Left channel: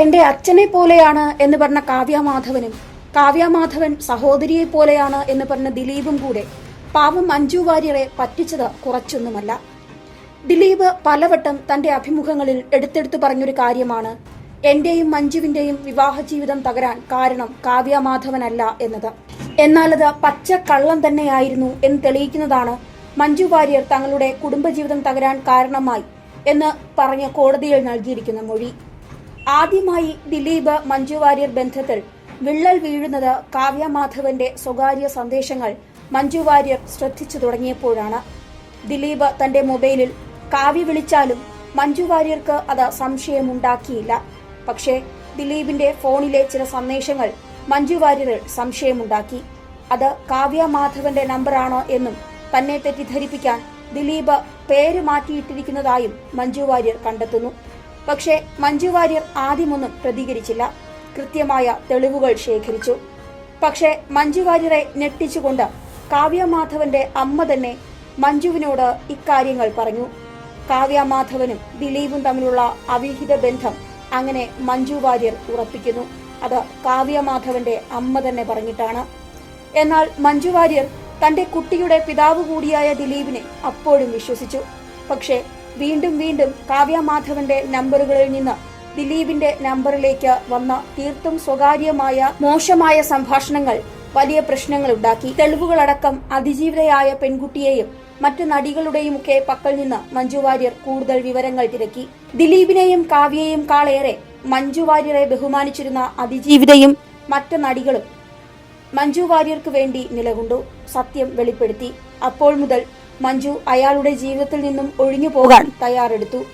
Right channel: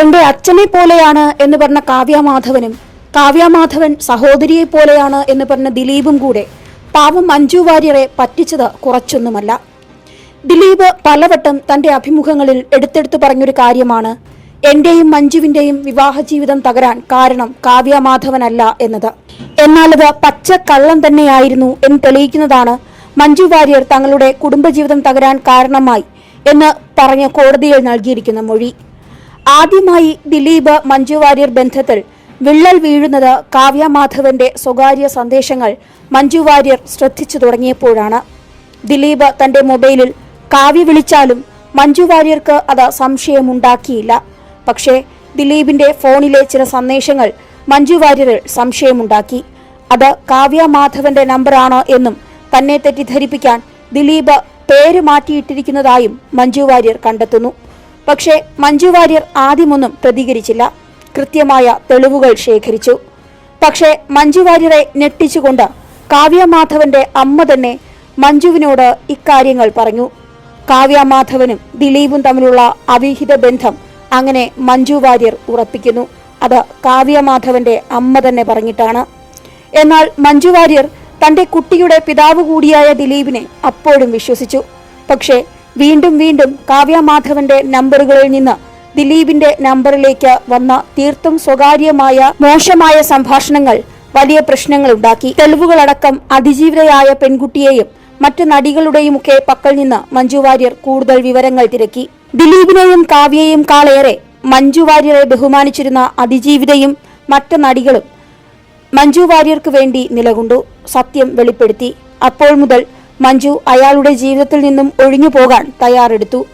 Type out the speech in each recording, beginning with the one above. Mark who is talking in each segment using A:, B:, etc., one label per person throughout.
A: എന്റെ അച്ഛനെ പോലെയാണ് എന്ന് പറഞ്ഞ കാവ്യമാധവനും കാവ്യമാധവൻ സഹോദരിയെ പോലെയാണ് എന്ന് പറഞ്ഞ ദിലീപും കൂടെ പാവം മഞ്ജു വാര്യരെ പറ്റിച്ചത് കുറച്ചൊന്നുമല്ല. ദിലീപ് പലവട്ടം തന്റെ അഭിമുഖങ്ങളിൽ എടുത്തെടുത്ത് പറഞ്ഞൊരു കാര്യമാണ് എന്റെയും മഞ്ജുവിന്റെയും വിവാഹ ജീവിതം തകരാൻ കാരണം കാവ്യമാധവനല്ല എന്നത്. എന്നാൽ അത് പച്ച കള്ളം തന്നെയായിരുന്നു എന്ന് തെളിയിക്കുന്നതാണ് മഞ്ജു വാര്യർ തങ്ങളുടെ കുടുംബജീവിതം തകരാൻ കാരണമായി എന്ന് പറഞ്ഞ് കോടതിയിൽ നൽകിയിരിക്കുന്ന മൊഴി. ആദ്യമായി ദിലീപ് മഞ്ജു വാര്യർ ബന്ധത്തിൽ വിള്ളൽ വീഴുന്നത് കാവ്യ മാധവന്റെ സ്വകാര്യ സന്ദേശങ്ങൾ മഞ്ജു വാര്യർ ശ്രദ്ധിച്ചു തുടങ്ങിയപ്പോഴാണ്. ദിലീപ് തന്റെ മൊബൈലിൽ കാവ്യ വിളിച്ചാലും മഞ്ജു വാര്യർക്ക് അത് സംശയമുണ്ടാക്കിയില്ല. പക്ഷേ ദിലീപിന്റെ ഫോണിലെ ചില സന്ദേശങ്ങൾ മഞ്ജു വാര്യരിൽ സംശയമുണ്ടാക്കി. അത് കാവ്യ മാധവന്റെ നമ്പറാണോ എന്നും തന്നെ തെറ്റിദ്ധരിപ്പിക്കാൻ ദിലീപ് പേര് മാറ്റിയിട്ടിരിക്കുന്നതായും മഞ്ജു വാര്യർ കണ്ടെത്തുന്നു. പക്ഷേ മഞ്ജു വാര്യർ ആദ്യമൊന്നും പ്രതികരിച്ചില്ല. കൃത്യമായ തെളിവുകൾ ശേഖരിച്ചു. പക്ഷേ മഞ്ജു വാര്യരെ ഞെട്ടിച്ചുകൊണ്ട് കാവ്യ മാധവന്റെ അമ്മ തന്നെ മഞ്ജുവിനോട് ഇക്കാര്യങ്ങൾ പറഞ്ഞു. കാവ്യമാധവനും ദിലീപും തമ്മിലുള്ള അവിഹിത ബന്ധം അങ്ങനെ മഞ്ജു വാര്യർ ഉറപ്പിക്കുന്നു. അത് കാവ്യമാധവന്റെ അമ്മ തന്നെ പറഞ്ഞിട്ടാണ്. എന്നാൽ മഞ്ജു വാര്യർ തന്റെ കുട്ടിയുടെ പിതാവ് കൂടിയായ ദിലീപിനെ അപ്പോഴും വിശ്വസിച്ചു. പക്ഷേ വീണ്ടും വീണ്ടും കാവ്യ മാധവന്റെ നമ്പറുകളിൽ നിന്ന് ദിലീപിന്റെ നമ്പറിലേക്ക് വന്ന തീർത്തും സ്വകാര്യമായ മോശമായ സംഭാഷണങ്ങൾ വലിയ പ്രശ്നങ്ങൾ ഉണ്ടാക്കി. തെളിവുകളടക്കം അതിജീവിതയായ പെൺകുട്ടിയെയും മറ്റു നടികളുടെയുമൊക്കെ പക്കൽ നിന്ന് മഞ്ജു വാര്യർ കൂടുതൽ വിവരങ്ങൾ തിരക്കി. ദിലീപിനെയും കാവ്യയെയും കാളേറെ മഞ്ജു വാര്യരെ ബഹുമാനിച്ചിരുന്ന അതിജീവിതയും മറ്റു നടികളും മഞ്ജു വാര്യർക്ക് വേണ്ടി നിലകൊണ്ടു. സത്യം വെളിപ്പെടുത്തി. അപ്പോൾ മുതൽ മഞ്ജു അയാളുടെ ജീവിതത്തിൽ നിന്നും ഒഴിഞ്ഞു പോകാൻ തയ്യാറെടുത്തു.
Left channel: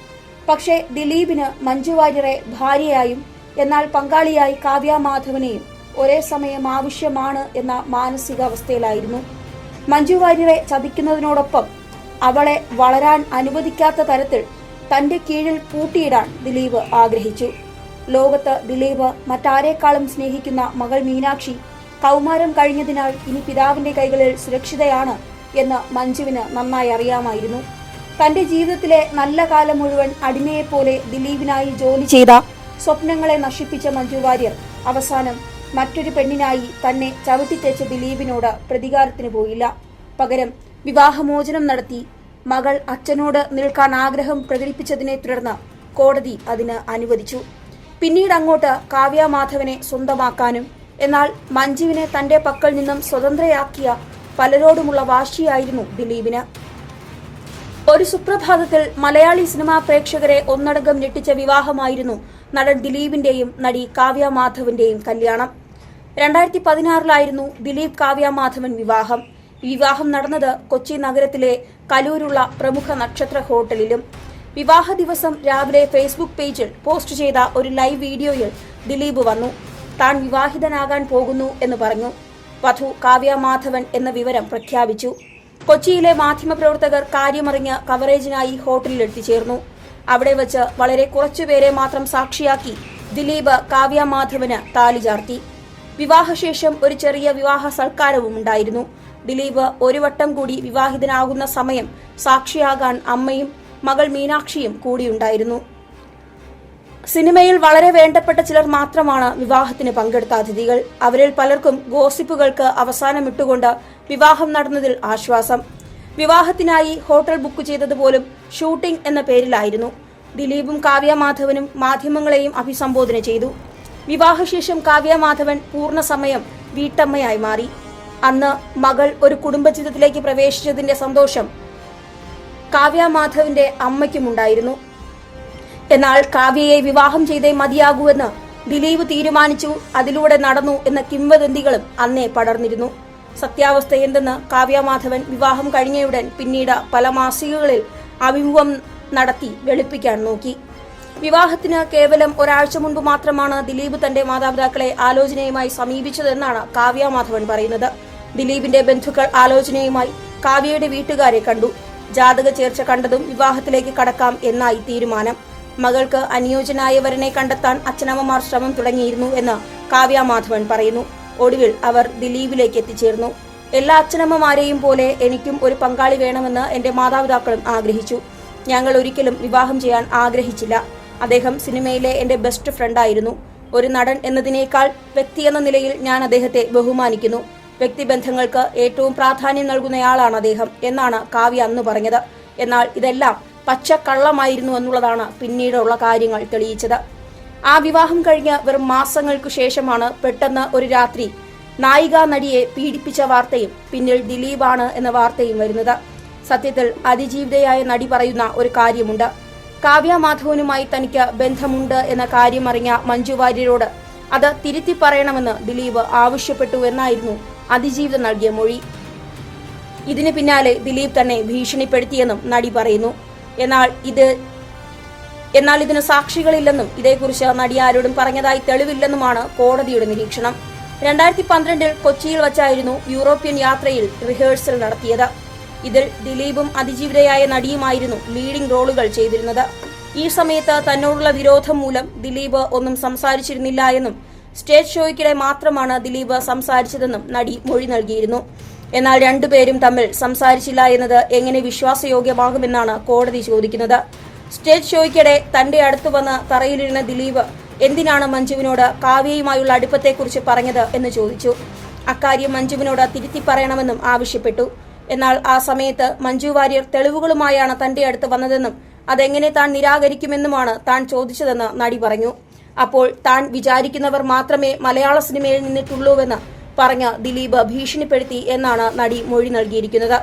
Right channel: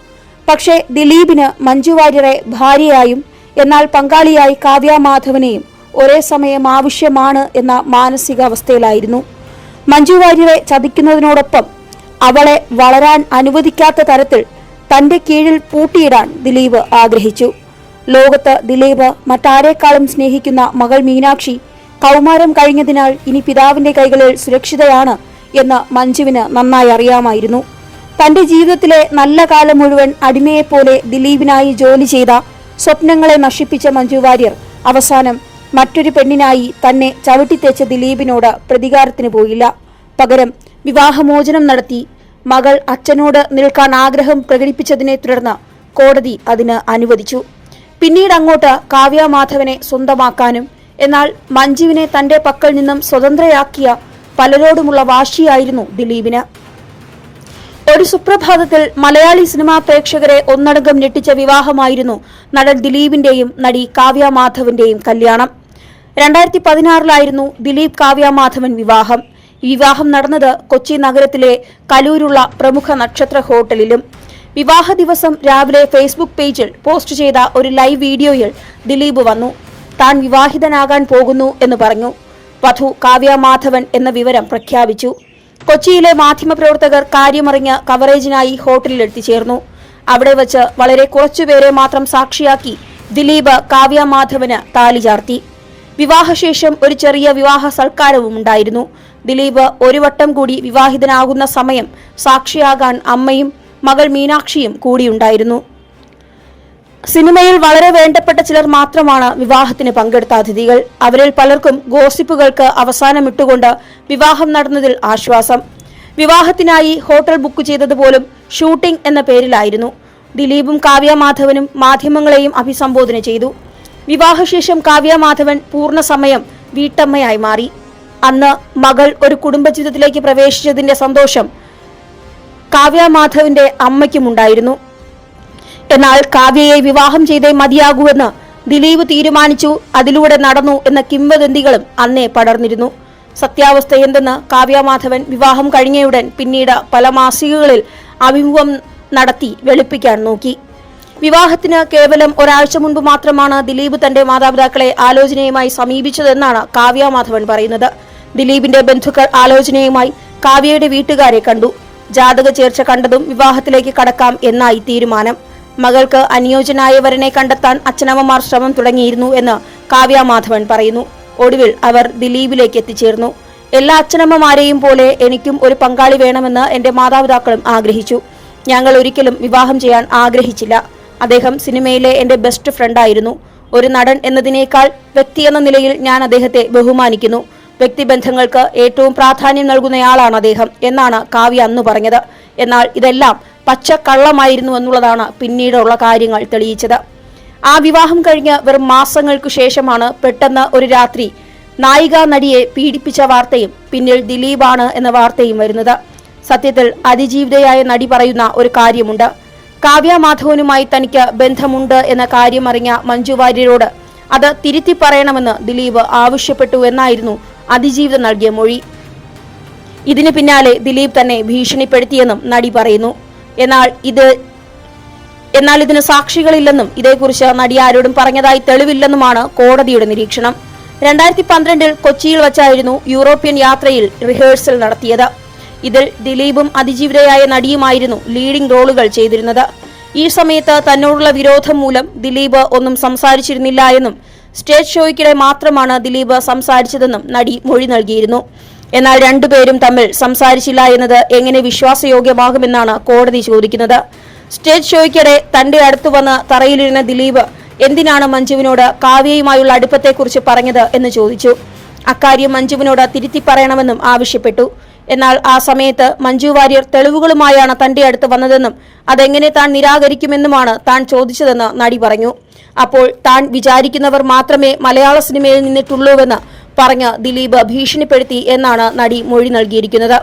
A: പക്ഷേ ദിലീപിന് മഞ്ജു വാര്യരെ ഭാര്യയായും എന്നാൽ പങ്കാളിയായി കാവ്യ മാധവനെയും ഒരേ സമയം ആവശ്യമാണ് എന്ന മാനസികാവസ്ഥയിലായിരുന്നു. മഞ്ജു വാര്യരെ ചതിക്കുന്നതിനോടൊപ്പം അവളെ വളരാൻ അനുവദിക്കാത്ത തരത്തിൽ തന്റെ കീഴിൽ പൂട്ടിയിടാൻ ദിലീപ് ആഗ്രഹിച്ചു. ലോകത്ത് ദിലീപ് മറ്റാരേക്കാളും സ്നേഹിക്കുന്ന മകൾ മീനാക്ഷി കൗമാരം കഴിഞ്ഞതിനാൽ ഇനി പിതാവിന്റെ കൈകളിൽ സുരക്ഷിതയാണ് എന്ന് മഞ്ജുവിന് നന്നായി അറിയാമായിരുന്നു. തന്റെ ജീവിതത്തിലെ നല്ല കാലം മുഴുവൻ അടിമയെപ്പോലെ ദിലീപിനായി ജോലി ചെയ്ത സ്വപ്നങ്ങളെ നശിപ്പിച്ച മഞ്ജു വാര്യർ അവസാനം മറ്റൊരു പെണ്ണിനായി തന്നെ ചവിട്ടിത്തേച്ച ദിലീപിനോട് പ്രതികാരത്തിന് പോയില്ല. പകരം വിവാഹമോചനം നടത്തി മകൾ അച്ഛനോട് നിൽക്കാൻ ആഗ്രഹം പ്രകടിപ്പിച്ചതിനെ തുടർന്ന് കോടതി അതിന് അനുവദിച്ചു. പിന്നീട് അങ്ങോട്ട് കാവ്യ മാധവനെ സ്വന്തമാക്കാനും എന്നാൽ മഞ്ജുവിനെ തന്റെ പക്കൽ നിന്നും സ്വതന്ത്രയാക്കിയ പലരോടുമുള്ള വാശിയായിരുന്നു ദിലീപിന്. ഒരു സുപ്രഭാതത്തിൽ മലയാളി സിനിമാ പ്രേക്ഷകരെ ഒന്നടങ്കം ഞെട്ടിച്ച വിവാഹമായിരുന്നു നടൻ ദിലീപിന്റെയും നടി കാവ്യ മാധവന്റെയും കല്യാണം. രണ്ടായിരത്തി പതിനാറിലായിരുന്നു ദിലീപ് കാവ്യ മാധവൻ വിവാഹം. വിവാഹം നടന്നത് കൊച്ചി നഗരത്തിലെ കലൂരുള്ള പ്രമുഖ നക്ഷത്ര ഹോട്ടലിലും. വിവാഹ ദിവസം രാവിലെ ഫേസ്ബുക്ക് പേജിൽ പോസ്റ്റ് ചെയ്ത ഒരു ലൈവ് വീഡിയോയിൽ ദിലീപ് വന്നു. താൻ വിവാഹിതനാകാൻ പോകുന്നു എന്ന് പറഞ്ഞു. വധു കാവ്യ മാധവൻ എന്ന വിവരം പ്രഖ്യാപിച്ചു. കൊച്ചിയിലെ മാധ്യമപ്രവർത്തകർ കാര്യമറിഞ്ഞ് കവറേജിനായി ഹോട്ടലിൽ എത്തിച്ചേർന്നു അവിടെ വച്ച് വളരെ കുറച്ചുപേരെ മാത്രം സാക്ഷിയാക്കി ദിലീപ് കാവ്യ മാധവന് താലി ചാർത്തി. വിവാഹശേഷം ഒരു ചെറിയ വിവാഹ സൽക്കാരവും ഉണ്ടായിരുന്നു. ദിലീപ് ഒരു വട്ടം കൂടി വിവാഹിതനാകുന്ന സമയം സാക്ഷിയാകാൻ അമ്മയും മകൾ മീനാക്ഷിയും കൂടിയുണ്ടായിരുന്നു. സിനിമയിൽ വളരെ വേണ്ടപ്പെട്ട ചിലർ മാത്രമാണ് വിവാഹത്തിന് പങ്കെടുത്ത അതിഥികൾ. അവരിൽ പലർക്കും ഗോസിപ്പുകൾക്ക് അവസാനമിട്ടുകൊണ്ട് വിവാഹം നടന്നതിൽ ആശ്വാസം. വിവാഹത്തിനായി ഹോട്ടൽ ബുക്ക് ചെയ്തതുപോലും ഷൂട്ടിംഗ് എന്ന പേരിലായിരുന്നു. ദിലീപും കാവ്യ മാധവനും മാധ്യമങ്ങളെയും അഭിസംബോധന ചെയ്തു. വിവാഹശേഷം കാവ്യ മാധവൻ പൂർണസമയം വീട്ടമ്മയായി മാറി. അന്ന് മകൾ ഒരു കുടുംബജീവിതത്തിലേക്ക് പ്രവേശിച്ചതിന്റെ സന്തോഷം കാവ്യ മാധവന്റെ അമ്മയ്ക്കുമുണ്ടായിരുന്നു. എന്നാൽ കാവ്യയെ വിവാഹം ചെയ്തേ മതിയാകൂവെന്ന് ദിലീപ് തീരുമാനിച്ചു അതിലൂടെ നടന്നു എന്ന കിംവദന്തികളും അന്നേ പടർന്നിരുന്നു. സത്യാവസ്ഥ എന്തെന്ന് കാവ്യമാധവൻ വിവാഹം കഴിഞ്ഞയുടൻ പിന്നീട് പല മാസികകളിൽ അഭിമുഖം നടത്തി വെളുപ്പിക്കാൻ നോക്കി. വിവാഹത്തിന് കേവലം ഒരാഴ്ച മുൻപ് മാത്രമാണ് ദിലീപ് തന്റെ മാതാപിതാക്കളെ ആലോചനയുമായി സമീപിച്ചതെന്നാണ് കാവ്യമാധവൻ പറയുന്നത്. ദിലീപിന്റെ ബന്ധുക്കൾ ആലോചനയുമായി കാവ്യയുടെ വീട്ടുകാരെ കണ്ടു. ജാതക ചേർച്ച കണ്ടതും വിവാഹത്തിലേക്ക് കടക്കാം എന്നായി തീരുമാനം. മകൾക്ക് അനുയോജ്യനായ വരനെ കണ്ടെത്താൻ അച്ഛനമ്മമാർ ശ്രമം തുടങ്ങിയിരുന്നു എന്ന് കാവ്യ മാധവൻ പറയുന്നു. ഒടുവിൽ അവർ ദിലീപിലേക്ക് എത്തിച്ചേർന്നു. എല്ലാ അച്ഛനമ്മമാരെയും പോലെ എനിക്കും ഒരു പങ്കാളി വേണമെന്ന് എന്റെ മാതാപിതാക്കളും ആഗ്രഹിച്ചു. ഞങ്ങൾ ഒരിക്കലും വിവാഹം ചെയ്യാൻ ആഗ്രഹിച്ചില്ല. അദ്ദേഹം സിനിമയിലെ എന്റെ ബെസ്റ്റ് ഫ്രണ്ടായിരുന്നു ഒരു നടൻ എന്നതിനേക്കാൾ വ്യക്തി എന്ന നിലയിൽ ഞാൻ അദ്ദേഹത്തെ ബഹുമാനിക്കുന്നു. വ്യക്തിബന്ധങ്ങൾക്ക് ഏറ്റവും പ്രാധാന്യം നൽകുന്നയാളാണ് അദ്ദേഹം എന്നാണ് കാവ്യ അന്ന് പറഞ്ഞത്. എന്നാൽ ഇതെല്ലാം പച്ച കള്ളമായിരുന്നു എന്നുള്ളതാണ് പിന്നീടുള്ള കാര്യങ്ങൾ തെളിയിച്ചത്. ആ വിവാഹം കഴിഞ്ഞ് വെറും മാസങ്ങൾക്കു ശേഷമാണ് പെട്ടെന്ന് ഒരു രാത്രി നായികാ നടിയെ പീഡിപ്പിച്ച വാർത്തയും പിന്നിൽ ദിലീപാണ് എന്ന വാർത്തയും വരുന്നത്. സത്യത്തിൽ അതിജീവിതയായ നടി പറയുന്ന ഒരു കാര്യമുണ്ട്. കാവ്യ മാധവനുമായി തനിക്ക് ബന്ധമുണ്ട് എന്ന കാര്യം അറിഞ്ഞ മഞ്ജു വാര്യരോട് അത് തിരുത്തി പറയണമെന്ന് ദിലീപ് ആവശ്യപ്പെട്ടു എന്നായിരുന്നു അതിജീവിതം നൽകിയ മൊഴി. ഇതിന് പിന്നാലെ ദിലീപ് തന്നെ ഭീഷണിപ്പെടുത്തിയെന്നും നടി പറയുന്നു. എന്നാൽ ഇത് എന്നാൽ ഇതിന് സാക്ഷികളില്ലെന്നും ഇതേക്കുറിച്ച് നടി ആരോടും പറഞ്ഞതായി തെളിവില്ലെന്നുമാണ് കോടതിയുടെ നിരീക്ഷണം. രണ്ടായിരത്തി പന്ത്രണ്ടിൽ കൊച്ചിയിൽ വച്ചായിരുന്നു യൂറോപ്യൻ യാത്രയിൽ റിഹേഴ്സൽ നടത്തിയത്. ഇതിൽ ദിലീപും അതിജീവിതയായ നടിയുമായിരുന്നു ലീഡിംഗ് റോളുകൾ ചെയ്തിരുന്നത്. ഈ സമയത്ത് തന്നോടുള്ള വിരോധം മൂലം ദിലീപ് ഒന്നും സംസാരിച്ചിരുന്നില്ല എന്നും സ്റ്റേജ് ഷോയ്ക്കിടെ മാത്രമാണ് ദിലീപ് സംസാരിച്ചതെന്നും നടി മൊഴി നൽകിയിരുന്നു. എന്നാൽ രണ്ടുപേരും തമ്മിൽ സംസാരിച്ചില്ല എന്നത് എങ്ങനെ വിശ്വാസയോഗ്യമാകുമെന്നാണ് കോടതി ചോദിക്കുന്നത്. സ്റ്റേജ് ഷോയ്ക്കിടെ തന്റെ അടുത്തു വന്ന് തറയിലിരുന്ന ദിലീപ് എന്തിനാണ് മഞ്ജുവിനോട് കാവ്യയുമായുള്ള അടുപ്പത്തെക്കുറിച്ച് പറഞ്ഞത്? എന്ന് ചോദിച്ചു. അക്കാര്യം മഞ്ജുവിനോട് തിരുത്തി പറയണമെന്നും ആവശ്യപ്പെട്ടു. എന്നാൽ ആ സമയത്ത് മഞ്ജു വാര്യർ തെളിവുകളുമായാണ് തന്റെ അടുത്ത് വന്നതെന്നും അതെങ്ങനെ താൻ നിരാകരിക്കുമെന്നുമാണ് താൻ ചോദിച്ചതെന്ന് നടി പറഞ്ഞു. അപ്പോൾ താൻ വിചാരിക്കുന്നവർ മാത്രമേ മലയാള സിനിമയിൽ നിന്നിട്ടുള്ളൂവെന്ന് പറഞ്ഞ് ദിലീപ് ഭീഷണിപ്പെടുത്തി എന്നാണ് നടി മൊഴി നൽകിയിരിക്കുന്നത്.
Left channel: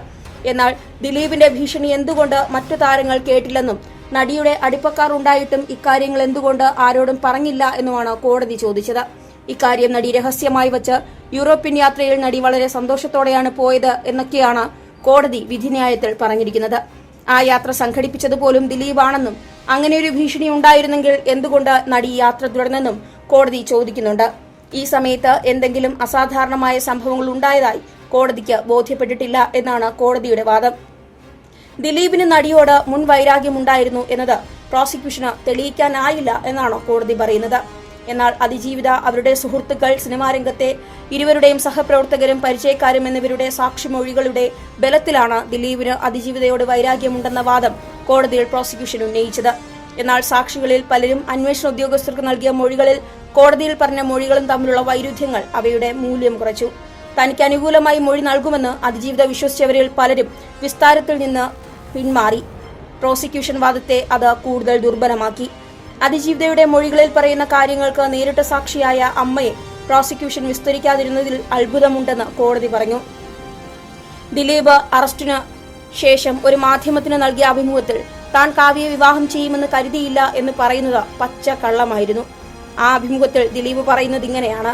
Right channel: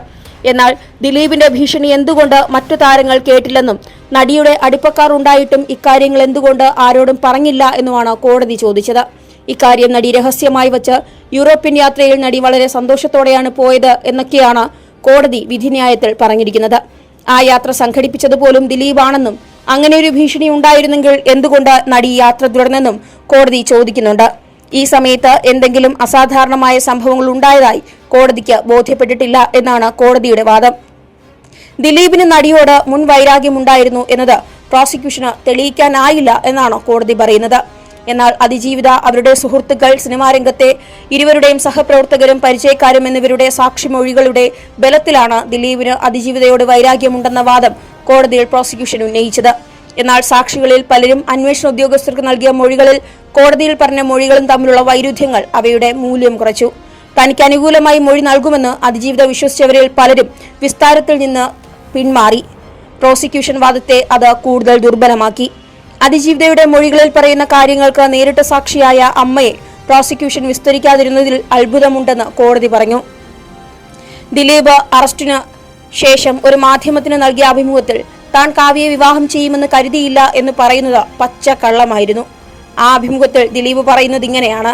A: എന്നാൽ ദിലീപിന്റെ ഭീഷണി എന്തുകൊണ്ട് മറ്റു താരങ്ങൾ കേട്ടില്ലെന്നും നടിയുടെ അടുപ്പക്കാർ ഉണ്ടായിട്ടും ഇക്കാര്യങ്ങൾ എന്തുകൊണ്ട് ആരോടും പറഞ്ഞില്ല എന്നുമാണ് കോടതി ചോദിച്ചത്. ഇക്കാര്യം നടി രഹസ്യമായി വച്ച് യൂറോപ്യൻ യാത്രയിൽ നടി വളരെ സന്തോഷത്തോടെയാണ് പോയത് എന്നൊക്കെയാണ് കോടതി വിധിന്യായത്തിൽ പറഞ്ഞിരിക്കുന്നത്. ആ യാത്ര സംഘടിപ്പിച്ചതുപോലും ദിലീപാണെന്നും അങ്ങനെ ഒരു ഭീഷണി ഉണ്ടായിരുന്നെങ്കിൽ എന്തുകൊണ്ട് നടി യാത്ര തുടർന്നെന്നും കോടതി ചോദിക്കുന്നുണ്ട്. ഈ സമയത്ത് എന്തെങ്കിലും അസാധാരണമായ സംഭവങ്ങൾ ഉണ്ടായതായി കോടതിക്ക് ബോധ്യപ്പെട്ടിട്ടില്ല എന്നാണ് കോടതിയുടെ വാദം. ദിലീപിന് നടിയോട് മുൻ വൈരാഗ്യമുണ്ടായിരുന്നു എന്നത് പ്രോസിക്യൂഷന് തെളിയിക്കാനായില്ല എന്നാണ് കോടതി പറയുന്നത്. എന്നാൽ അതിജീവിത അവരുടെ സുഹൃത്തുക്കൾ സിനിമാ രംഗത്തെ ഇരുവരുടെയും സഹപ്രവർത്തകരും പരിചയക്കാരും എന്നിവരുടെ സാക്ഷിമൊഴികളുടെ ബലത്തിലാണ് ദിലീപിന് അതിജീവിതയോട് വൈരാഗ്യമുണ്ടെന്ന വാദം കോടതിയിൽ പ്രോസിക്യൂഷൻ ഉന്നയിച്ചത്. എന്നാൽ സാക്ഷികളിൽ പലരും അന്വേഷണ ഉദ്യോഗസ്ഥർക്ക് നൽകിയ മൊഴികളിൽ കോടതിയിൽ പറഞ്ഞ മൊഴികളും തമ്മിലുള്ള വൈരുദ്ധ്യങ്ങൾ അവയുടെ മൂല്യം കുറച്ചു. തനിക്ക് അനുകൂലമായി മൊഴി നൽകുമെന്ന് അതിജീവിത വിശ്വസിച്ചവരിൽ പലരും വിസ്താരത്തിൽ നിന്ന് പിന്മാറി. പ്രോസിക്യൂഷൻ വാദത്തെ അത് കൂടുതൽ ദുർബലമാക്കി. അതിജീവിതയുടെ മൊഴികളിൽ പറയുന്ന കാര്യങ്ങൾക്ക് നേരിട്ട് സാക്ഷിയായ അമ്മയെ പ്രോസിക്യൂഷൻ വിസ്തരിക്കാതിരുന്നതിൽ അത്ഭുതമുണ്ടെന്ന് കോടതി പറഞ്ഞു. ദിലീപ് അറസ്റ്റിന് ശേഷം ഒരു മാധ്യമത്തിന് നൽകിയ അഭിമുഖത്തിൽ താൻ കാവ്യയെ വിവാഹം ചെയ്യുമെന്ന് കരുതിയില്ല എന്ന് പറയുന്നത് പച്ച കള്ളമായിരുന്നു. ആ അഭിമുഖത്തിൽ ദിലീപ് പറയുന്നത് ഇങ്ങനെയാണ്.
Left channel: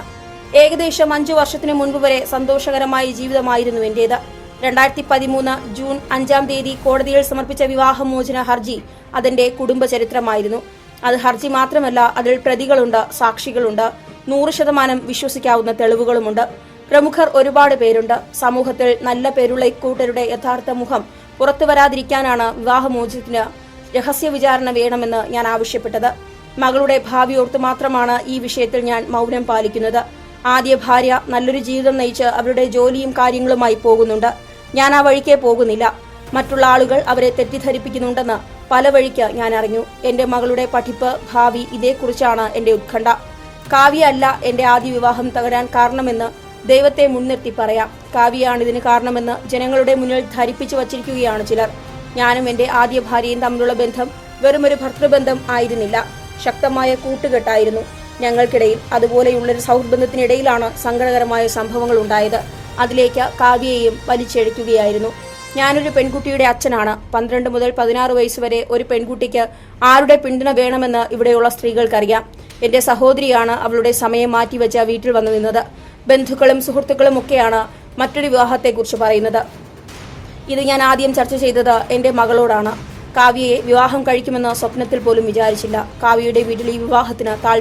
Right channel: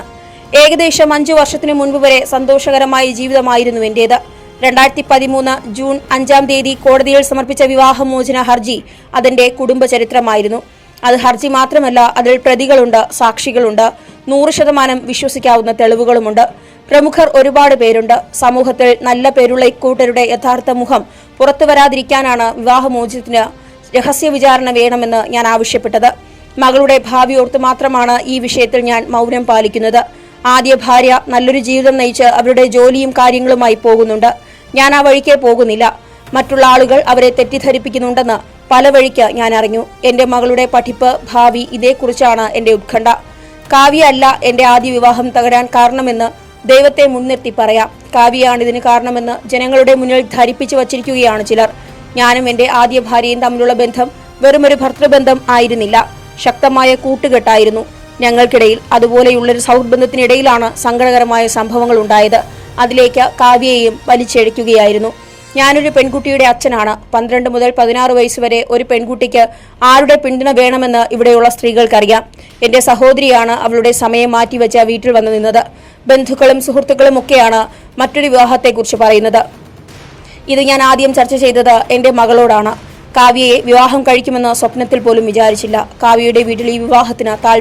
A: ഏകദേശം അഞ്ചു വർഷത്തിനു മുൻപ് വരെ സന്തോഷകരമായ ജീവിതമായിരുന്നു എന്റേത്. രണ്ടായിരത്തി പതിമൂന്ന് ജൂൺ അഞ്ചാം തീയതി കോടതിയിൽ സമർപ്പിച്ച വിവാഹമോചന ഹർജി അതിന്റെ കുടുംബചരിത്രമായിരുന്നു. അത് ഹർജി മാത്രമല്ല അതിൽ പ്രതികളുണ്ട് സാക്ഷികളുണ്ട്. നൂറ് ശതമാനം വിശ്വസിക്കാവുന്ന തെളിവുകളുമുണ്ട്. പ്രമുഖർ ഒരുപാട് പേരുണ്ട്. സമൂഹത്തിൽ നല്ല പേരുള്ള ഇക്കൂട്ടരുടെ യഥാർത്ഥ മുഖം പുറത്തു വരാതിരിക്കാനാണ് വിവാഹമോചനത്തിന് രഹസ്യ വിചാരണ വേണമെന്ന് ഞാൻ ആവശ്യപ്പെട്ടത്. മകളുടെ ഭാവി ഓർത്ത് മാത്രമാണ് ഈ വിഷയത്തിൽ ഞാൻ മൗനം പാലിക്കുന്നത്. ആദ്യ ഭാര്യ നല്ലൊരു ജീവിതം നയിച്ച് അവരുടെ ജോലിയും കാര്യങ്ങളുമായി പോകുന്നുണ്ട്. ഞാൻ ആ വഴിക്കേ പോകുന്നില്ല. മറ്റുള്ള ആളുകൾ അവരെ തെറ്റിദ്ധരിപ്പിക്കുന്നുണ്ടെന്ന് പല വഴിക്ക് ഞാൻ അറിഞ്ഞു. എന്റെ മകളുടെ പഠിപ്പ് ഭാവി ഇതേക്കുറിച്ചാണ് എന്റെ ഉത്കണ്ഠ. കാവ്യ അല്ല എന്റെ ആദ്യ വിവാഹം തകരാൻ കാരണമെന്ന് ദൈവത്തെ മുൻനിർത്തി പറയാം. കാവ്യയാണ് ഇതിന് കാരണമെന്ന് ജനങ്ങളുടെ മുന്നിൽ ധരിപ്പിച്ചു വച്ചിരിക്കുകയാണ് ചിലർ. ഞാനും എന്റെ ആദ്യ ഭാര്യയും തമ്മിലുള്ള ബന്ധം വെറുമൊരു ഭർത്തൃബന്ധം ആയിരുന്നില്ല. ശക്തമായ കൂട്ടുകെട്ടായിരുന്നു. ഞങ്ങൾക്കിടയിൽ അതുപോലെയുള്ളൊരു സൗഹൃദത്തിനിടയിലാണ് സങ്കടകരമായ സംഭവങ്ങൾ ഉണ്ടായത് അതിലേക്ക് കാവ്യയെയും വലിച്ചെഴിക്കുകയായിരുന്നു. ഞാനൊരു പെൺകുട്ടിയുടെ അച്ഛനാണ്. പന്ത്രണ്ട് മുതൽ പതിനാറ് വയസ്സ് വരെ ഒരു പെൺകുട്ടിക്ക് ആരുടെ പിന്തുണ വേണമെന്ന് ഇവിടെയുള്ള സ്ത്രീകൾക്കറിയാം. എന്റെ സഹോദരിയാണ് അവളുടെ സമയം മാറ്റിവെച്ച വീട്ടിൽ വന്നു നിന്നത്. ബന്ധുക്കളും സുഹൃത്തുക്കളും ഒക്കെയാണ് മറ്റൊരു വിവാഹത്തെക്കുറിച്ച് പറയുന്നത്. ഇത് ഞാൻ ആദ്യം ചർച്ച ചെയ്തത് എന്റെ മകളോടാണ്. കാവ്യയെ വിവാഹം കഴിക്കുമെന്ന് സ്വപ്നത്തിൽ പോലും വിചാരിച്ചില്ല. കാവ്യയുടെ വീട്ടിൽ ഈ വിവാഹത്തിന് താല്പര്യം